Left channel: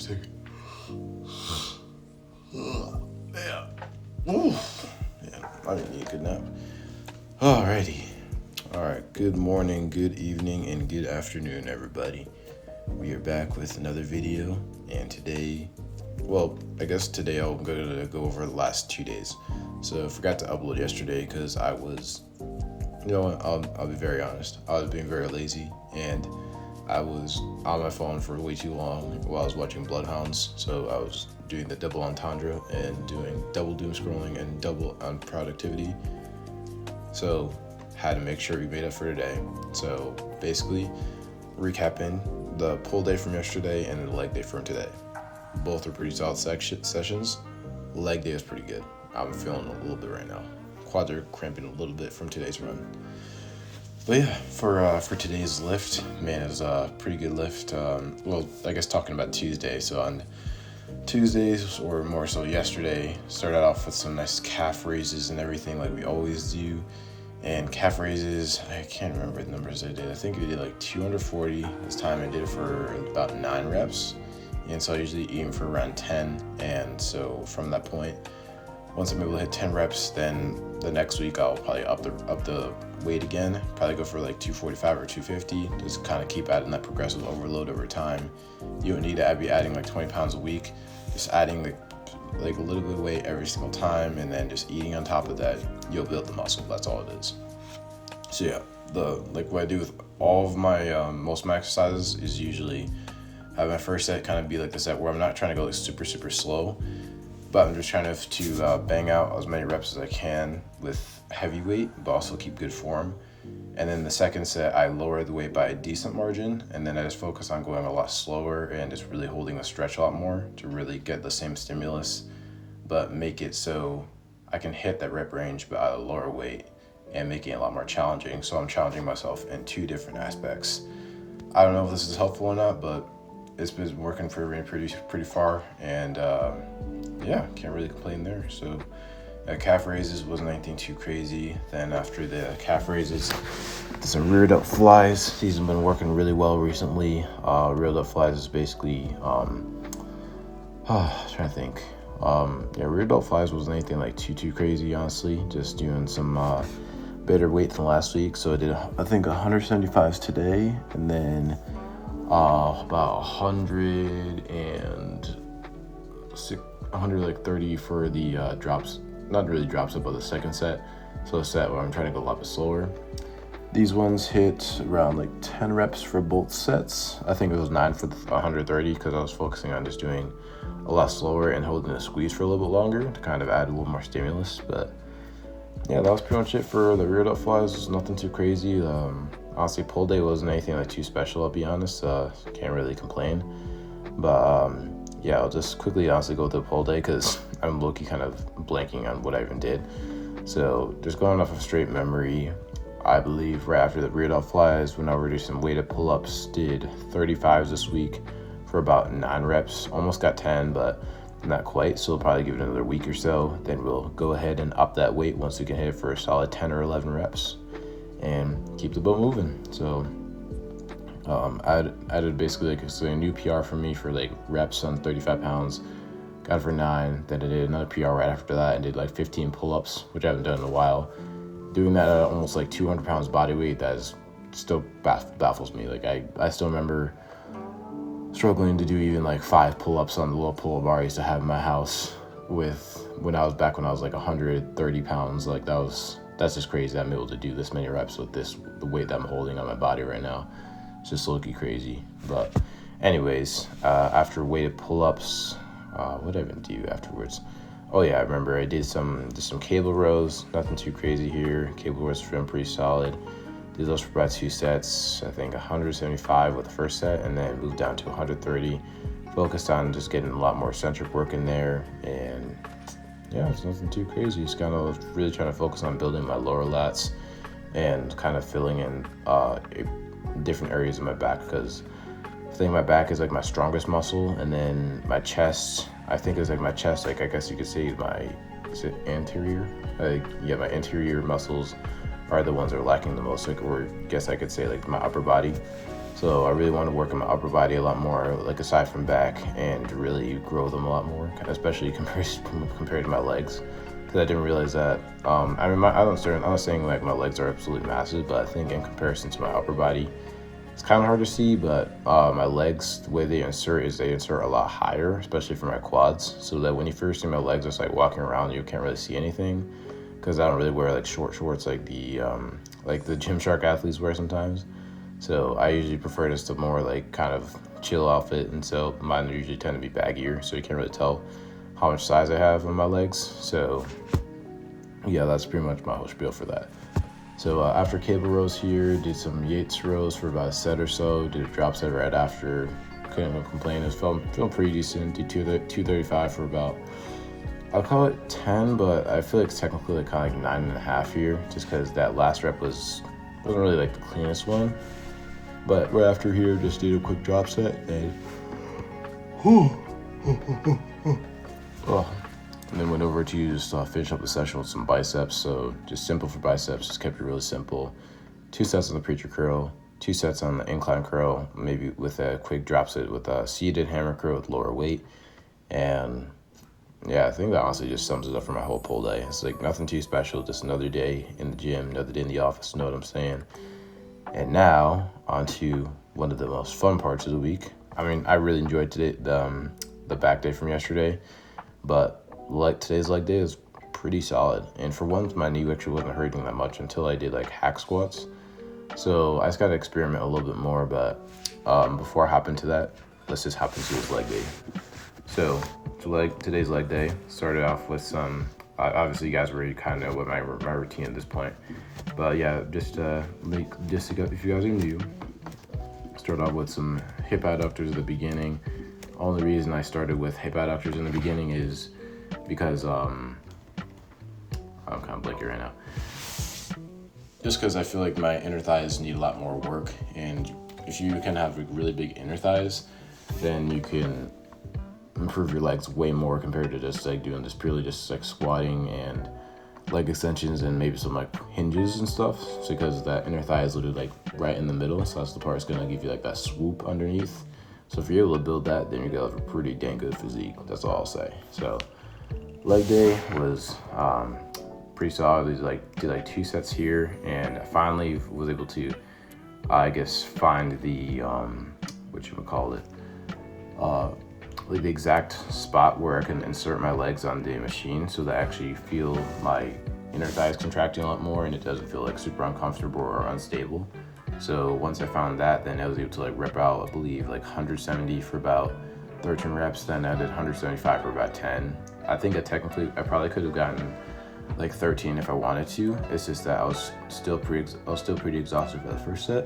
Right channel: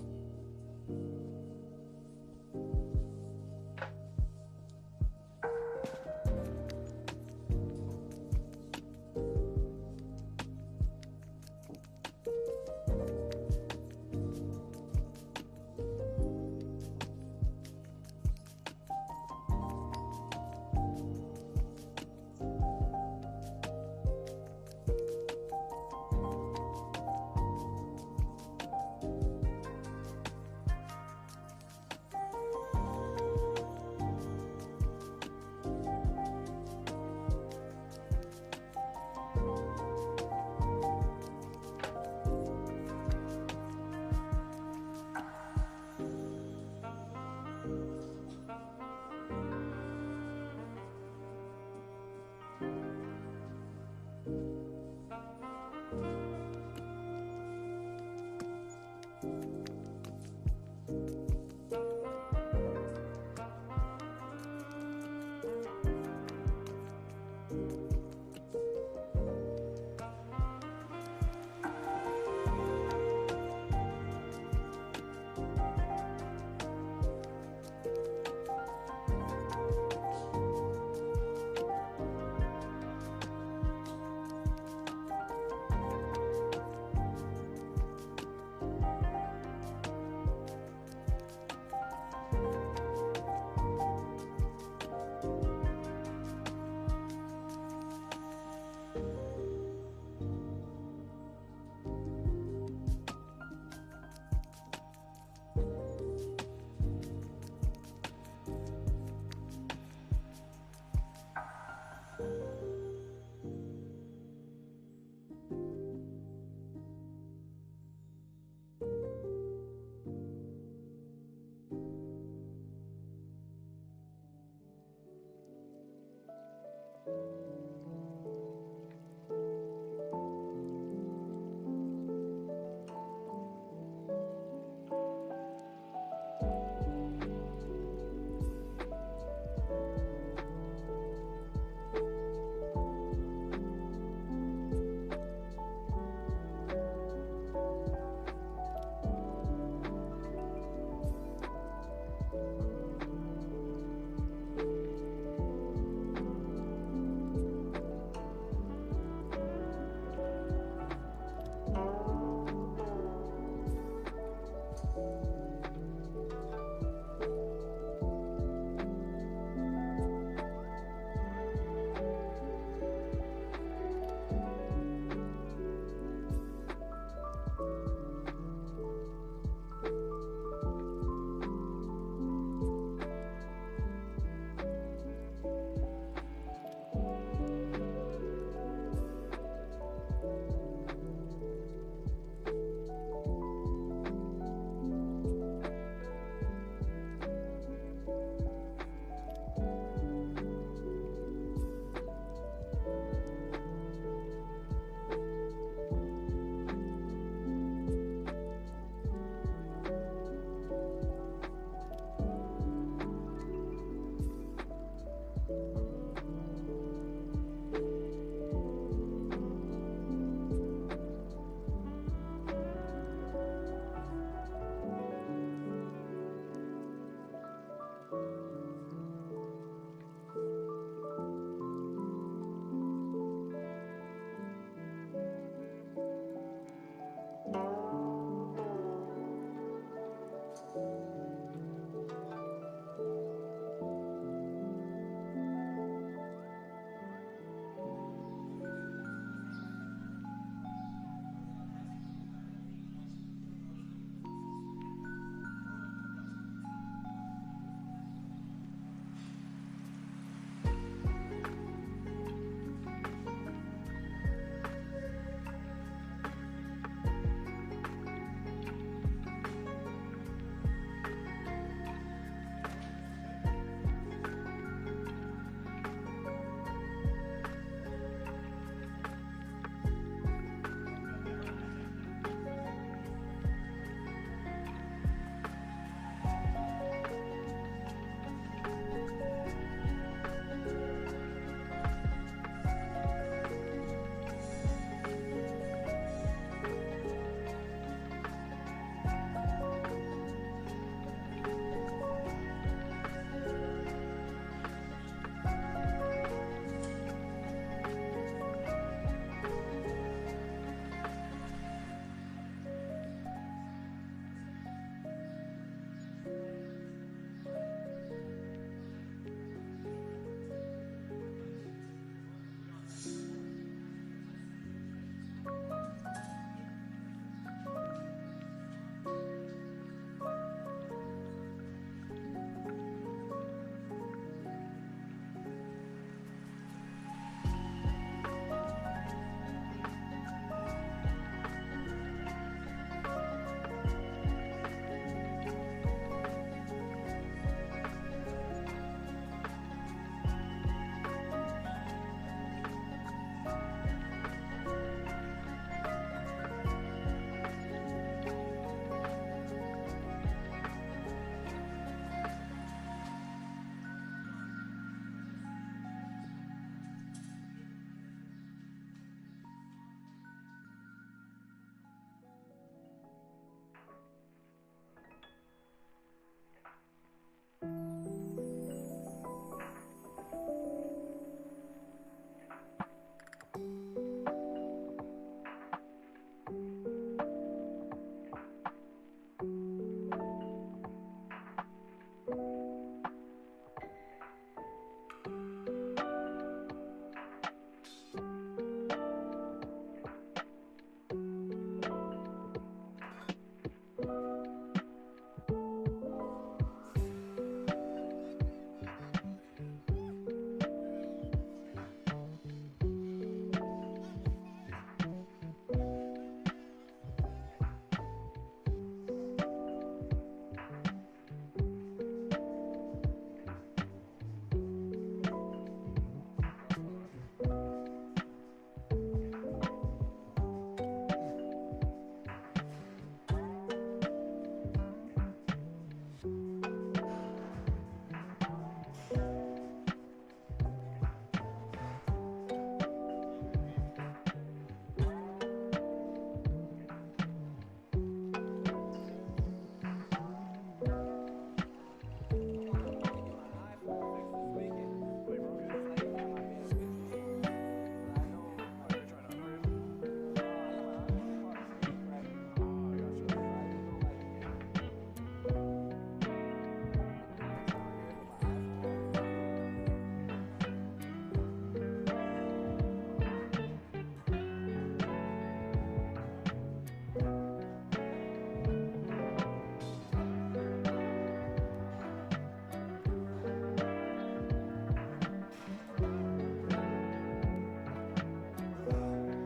second. Yeah. Ooh. Yeah, I didn't need a good nap. Alrighty. Alright, good morning, good evening, and good afternoon, everybody. We are back with another video, and today, I'm going to go over the last 2 days. So I forgot to upload yesterday because I was, I'll be very honest, I was being very lazy, and I was on my phone for way too long while I was watching Bloodhounds, so I was doing the double entendre and doing double doom scrolling and double unproductivity. So had to make sure we made up for today. So basically, recapping the pull day from yesterday and the leg day from today. Both are pretty solid sessions. Leg day is pretty good. I'm feeling a little bit right now. Quads are cramping a little bit from today's run. But yeah, for today's lift, man, it was a pretty good lift. I guess talking about Tuesday. So on Tuesdays, or more so yesterday, started off with some nice calf raises and everything like we always do. And calf raises, I can't remember the numbers I did. I think I did like 240. This time I did it for about 9 reps. And so I usually aim for around 10. And so from that point, once I'm able to hit 10 reps, then the next week I'll probably up the weight again. Probably go for like 245 or 250. Just kind of keep adding that progressive overload over time. You don't need to be adding like 20 pounds a week. Just adding like a little bit of weight every single time, and then just eating on top of that, you'll build the muscle. That's all it is. So yeah, what I do with all of my most of my exercises is usually have my first set kind of be like the set where I'm not trying to go like super slow, but I'm just trying to bang out as many reps as I can with heavy weight, but also keep good form. And then the second set, I lower the weight by a decent margin, and then I just focus on going a lot slower and just really holding the stretch a lot more to really get the same stimulus, but make it so I can hit that rep range but at a lower weight and making it a lot more challenging. So I'm challenging myself in 2 different aspects. I don't know if this is helpful or not, but it's been working for me pretty far, and yeah, can't really complain there. So calf raises wasn't anything too crazy. Then after the calf raises, some rear delt flies. These have been working really well recently. Rear delt flies is basically trying to think. Rear delt flies wasn't anything like too crazy, honestly. Just doing some better weight than last week. So I did I think 175s today, and then about 130 for the drops. Not really drops up, but the second set. So a set where I'm trying to go a lot bit slower. These ones hit around like 10 reps for both sets. I think it was 9 for the 130 because I was focusing on just doing a lot slower and holding the squeeze for a little bit longer to kind of add a little more stimulus. But yeah, that was pretty much it for the rear delt flies. It's nothing too crazy. Honestly, pull day wasn't anything like too special, I'll be honest. Can't really complain. But yeah, I'll just quickly honestly go with the pull day because I'm low-key kind of blanking on what I even did. So just going off of straight memory, I believe right after the rear delt flies, when I reduced some weighted pull-ups, did 35s this week for about 9 reps. Almost got 10, but not quite. So I'll probably give it another week or so. Then we'll go ahead and up that weight once we can hit it for a solid 10 or 11 reps and keep the boat moving. So I did basically like a new PR for me for like reps on 35 pounds. Got it for 9. Then I did another PR right after that and did like 15 pull-ups, which I haven't done in a while. Doing that at almost like 200 pounds body weight, that is still baffles me. Like I still remember struggling to do even like 5 pull-ups on the little pull-up bar I used to have in my house when I was like 130 pounds. Like that's just crazy that I'm able to do this many reps with the weight that I'm holding on my body right now. It's just low-key crazy. But anyways, after weighted pull-ups, what did I even do afterwards? Oh yeah, I remember I did some cable rows. Nothing too crazy here. Cable rows feeling pretty solid. Did those for about 2 sets. I think 175 with the first set, and then moved down to 130. Focused on just getting a lot more eccentric work in there, and yeah, it's nothing too crazy. Just kind of really trying to focus on building my lower lats and kind of filling in different areas of my back, because I think my back is like my strongest muscle, and then my chest, I think it's like my chest, like I guess you could say is it anterior? My anterior muscles are the ones that are lacking the most. Like, or I guess I could say like my upper body. So I really want to work on my upper body a lot more, like aside from back, and really grow them a lot more, especially compared to my legs. Because I didn't realize that. I'm not saying like my legs are absolutely massive, but I think in comparison to my upper body, it's kind of hard to see. But my legs, the way they insert a lot higher, especially for my quads. So that when you first see my legs, it's like walking around, you can't really see anything, because I don't really wear like short shorts like the Gymshark athletes wear sometimes. So I usually prefer just a more like kind of chill outfit, and so mine usually tend to be baggier, so you can't really tell how much size I have on my legs. So yeah, that's pretty much my whole spiel for that. So after cable rows here, did some Yates rows for about a set or so, did a drop set right after, couldn't even complain, it was feeling pretty decent, did 235 for about, I'll call it 10, but I feel like it's technically like kind of like 9.5 here, just because that last rep wasn't really like the cleanest one. But right after here, just did a quick drop set and then went over to just finish up the session with some biceps. So just simple for biceps, just kept it really simple. 2 sets on the preacher curl, 2 sets on the incline curl, maybe with a quick drop set with a seated hammer curl with lower weight. And yeah, I think that honestly just sums it up for my whole pull day. It's like nothing too special, just another day in the gym, another day in the office, you know what I'm saying? And now, on to one of the most fun parts of the week. I mean, I really enjoyed today, the back day from yesterday, but today's leg day is pretty solid. And for once, my knee actually wasn't hurting that much until I did like hack squats. So I just got to experiment a little bit more, but before I hop into that, let's just hop into this leg day. So today's leg day started off with some, obviously you guys already kind of know what my routine at this point. But yeah, just if you guys are new, start off with some hip adductors at the beginning. Only reason I started with hip adductors in the beginning is because I'm kind of blanking right now. Just because I feel like my inner thighs need a lot more work, and if you can have really big inner thighs, then you can improve your legs way more compared to just like doing this purely just like squatting and leg extensions and maybe some like hinges and stuff. So because that inner thigh is literally like right in the middle, so that's the part that's gonna give you like that swoop underneath. So if you're able to build that, then you're gonna have a pretty dang good physique. That's all I'll say. So leg day was pretty solid. Did like 2 sets here, and I finally was able to find the the exact spot where I can insert my legs on the machine, so that I actually feel my inner thighs contracting a lot more, and it doesn't feel like super uncomfortable or unstable. So once I found that, then I was able to like rep out, I believe, like 170 for about 13 reps. Then I did 175 for about 10. I think I probably could have gotten like 13 if I wanted to. It's just that I was still pretty exhausted for the first set.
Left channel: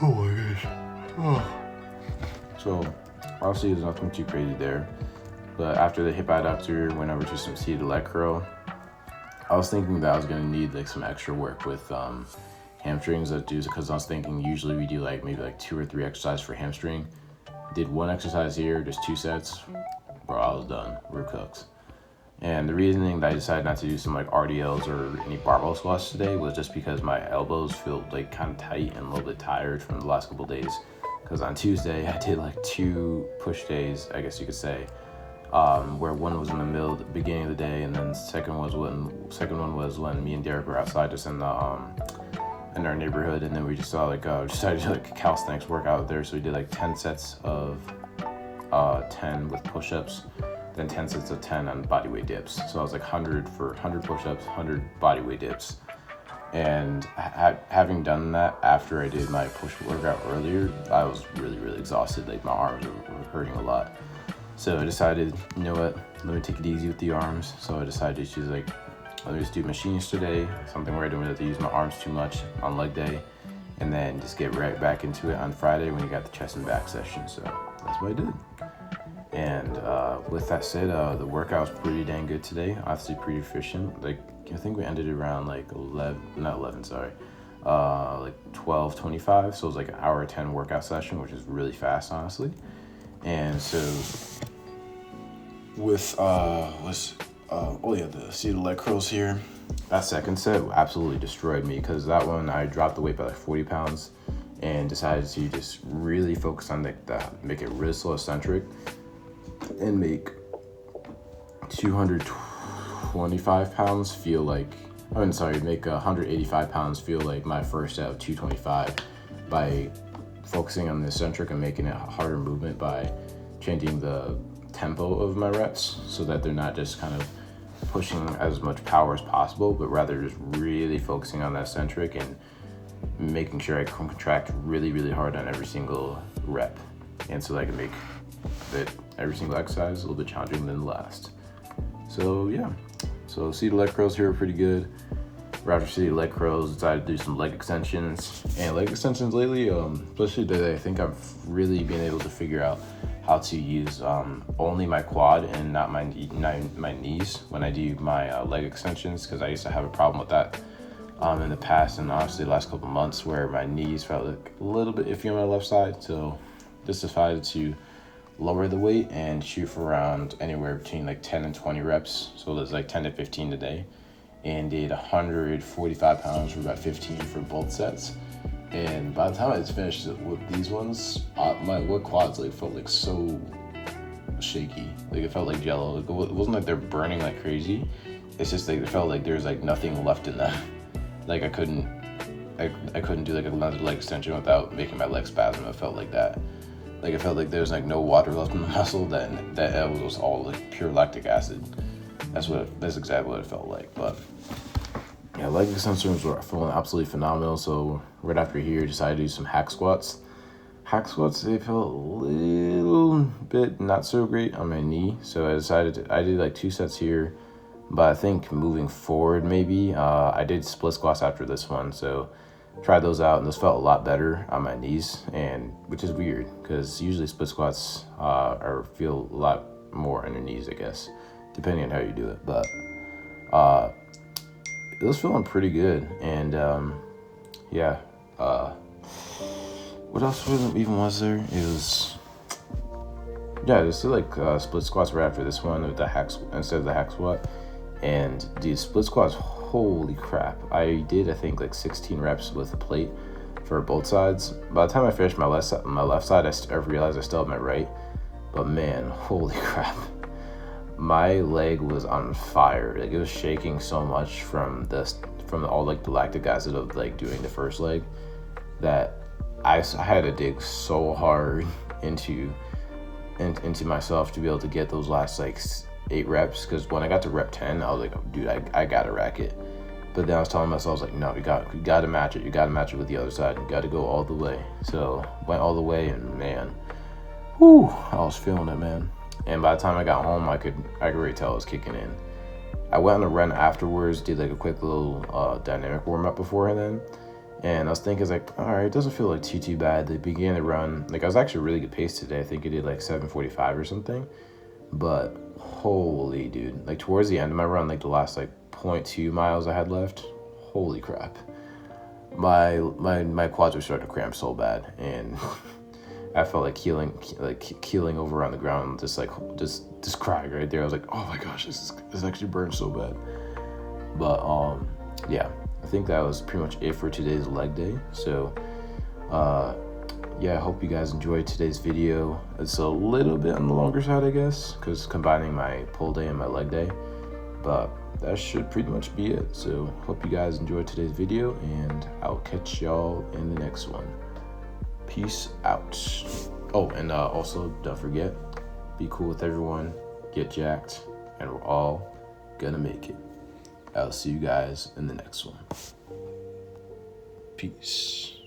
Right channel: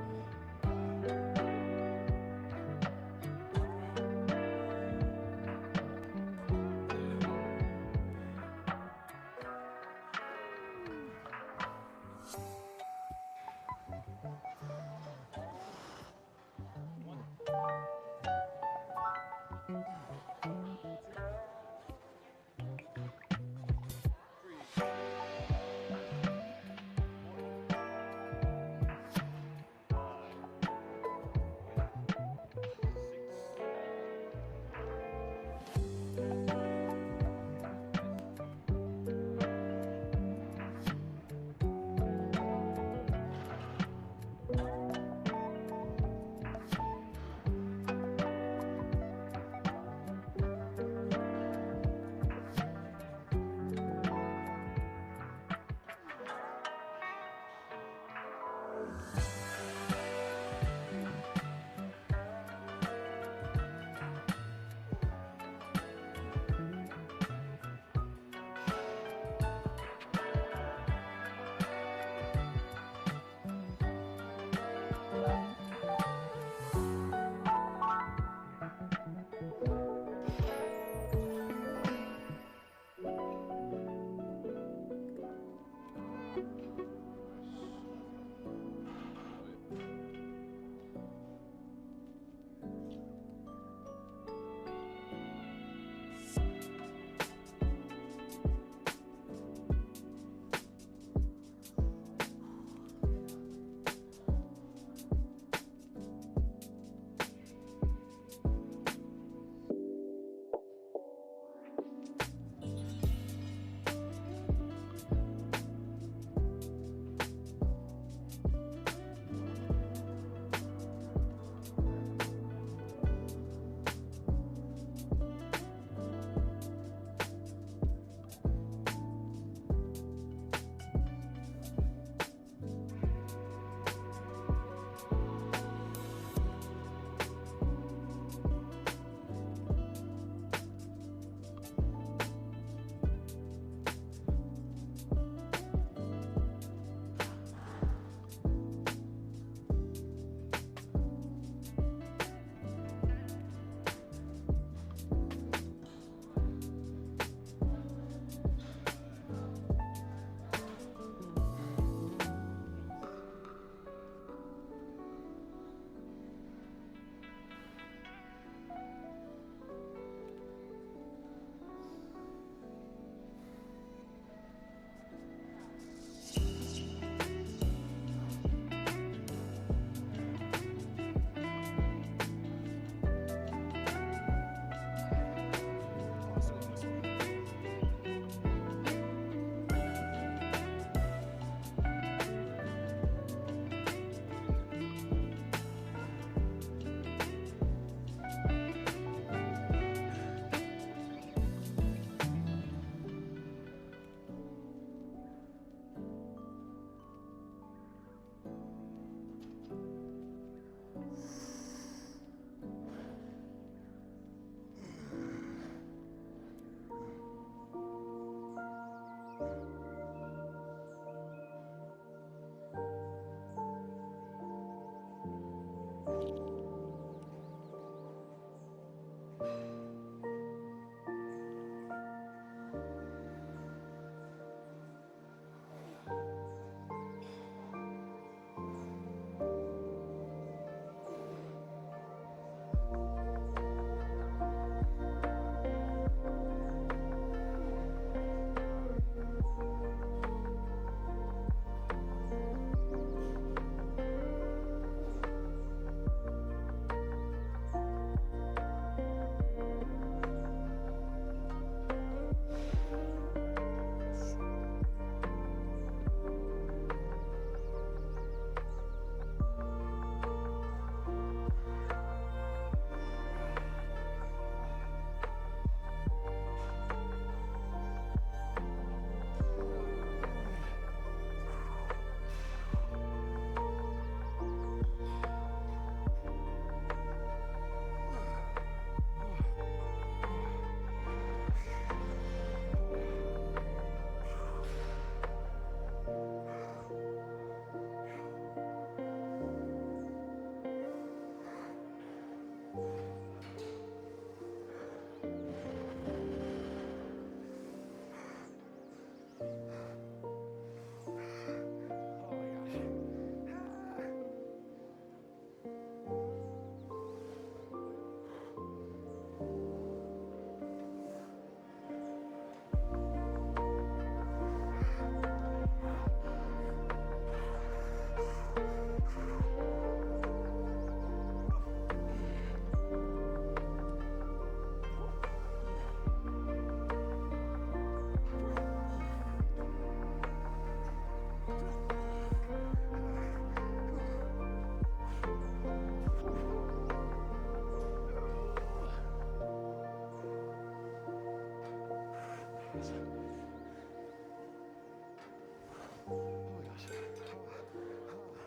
Oh my gosh. Oh. So obviously there's nothing too crazy there. But after the hip adductor, went over to some seated leg curl. I was thinking that I was gonna need like some extra work with hamstrings because I was thinking usually we do like maybe like 2 or 3 exercises for hamstring. Did 1 exercise here, just 2 sets. Bro, I was done. We're cooked. And the reasoning that I decided not to do some like RDLs or any barbell squats today was just because my elbows feel like kind of tight and a little bit tired from the last couple days. Because on Tuesday I did like 2 push days, I guess you could say, where one was in the beginning of the day, and then the second one was when me and Derek were outside just in our neighborhood, and then we just decided to do like a calisthenics workout there. So we did like 10 sets of 10 with push-ups, then 10 sets of 10 on bodyweight dips. So I was like 100 push-ups, 100 bodyweight dips. And having done that after I did my push workout earlier, I was really, really exhausted. Like my arms were hurting a lot. So I decided, you know what, let me take it easy with the arms. So I decided to choose let me just do machines today, something where I don't have to use my arms too much on leg day, and then just get right back into it on Friday when you got the chest and back session. So that's what I did. And with that said, the workout was pretty dang good today. Obviously pretty efficient. Like I think we ended around like 12:25. So it was like an hour 10 workout session, which is really fast, honestly. And so with the seated leg curls here, that second set absolutely destroyed me, because that one I dropped the weight by like 40 pounds, and decided to just really focus on make it really slow eccentric and make 225 pounds feel like, make 185 pounds feel like my first set of 225 by focusing on the eccentric and making it a harder movement by changing the tempo of my reps so that they're not just kind of pushing as much power as possible, but rather just really focusing on that eccentric and making sure I contract really, really hard on every single rep. And so that I can make every single exercise a little bit challenging than the last. So yeah, so seated leg curls here are pretty good. Right after seated leg curls, decided to do some leg extensions. And leg extensions lately, especially today, I think I've really been able to figure out how to use only my quad and not my knees when I do my leg extensions, because I used to have a problem with that in the past, and honestly the last couple months, where my knees felt like a little bit iffy on my left side. So just decided to lower the weight and shoot for around anywhere between like 10 and 20 reps. So there's like 10 to 15 today, and did 145 pounds for about 15 for both sets. And by the time I finished with these ones, my wood quads like felt like so shaky. Like it felt like jello. It wasn't like they're burning like crazy. It's just like it felt like there's like nothing left in them. Like I couldn't do like another leg extension without making my leg spasm. It felt like that. Like it felt like there was like no water left in the muscle. That was all like pure lactic acid. That's exactly what it felt like. But yeah, leg extensions were feeling absolutely phenomenal. So right after here, decided to do some hack squats. Hack squats, they felt a little bit not so great on my knee. So I did like 2 sets here. But I think moving forward, maybe, I did split squats after this one. So tried those out, and those felt a lot better on my knees, and which is weird because usually split squats feel a lot more on your knees, I guess, depending on how you do it. But it was feeling pretty good. And yeah, what else was there? It was, yeah, just like split squats right after this one with the instead of the hack squat. And dude, split squats, holy crap. I did, I think, like 16 reps with a plate for both sides. By the time I finished my left side, I realized I still had my right. But man, holy crap. My leg was on fire. Like it was shaking so much from all like the lactic acid of like doing the first leg, that I had to dig so hard into myself to be able to get those last like 8 reps, because when I got to rep 10, I was like, dude, I gotta rack it. But then I was telling myself, I was like, no, you gotta match it. You gotta match it with the other side. You gotta go all the way. So went all the way, and man, whew, I was feeling it, man. And by the time I got home, I could already tell it was kicking in. I went on a run afterwards, did like a quick little dynamic warm up before then. And I was thinking, like, all right, it doesn't feel like too bad. They began to run, like I was actually really good pace today. I think I did like 7:45 or something. But holy dude, like towards the end of my run, like the last like 0.2 miles I had left, holy crap, my quads were starting to cramp so bad, and I felt like keeling over on the ground, just crying right there. I was like, oh my gosh, this actually burns so bad. But yeah, I think that was pretty much it for today's leg day. So yeah, I hope you guys enjoyed today's video. It's a little bit on the longer side, I guess, because combining my pull day and my leg day. But that should pretty much be it. So hope you guys enjoyed today's video, and I'll catch y'all in the next one. Peace out. Oh, and also don't forget, be cool with everyone, get jacked, and we're all gonna make it. I'll see you guys in the next one. Peace.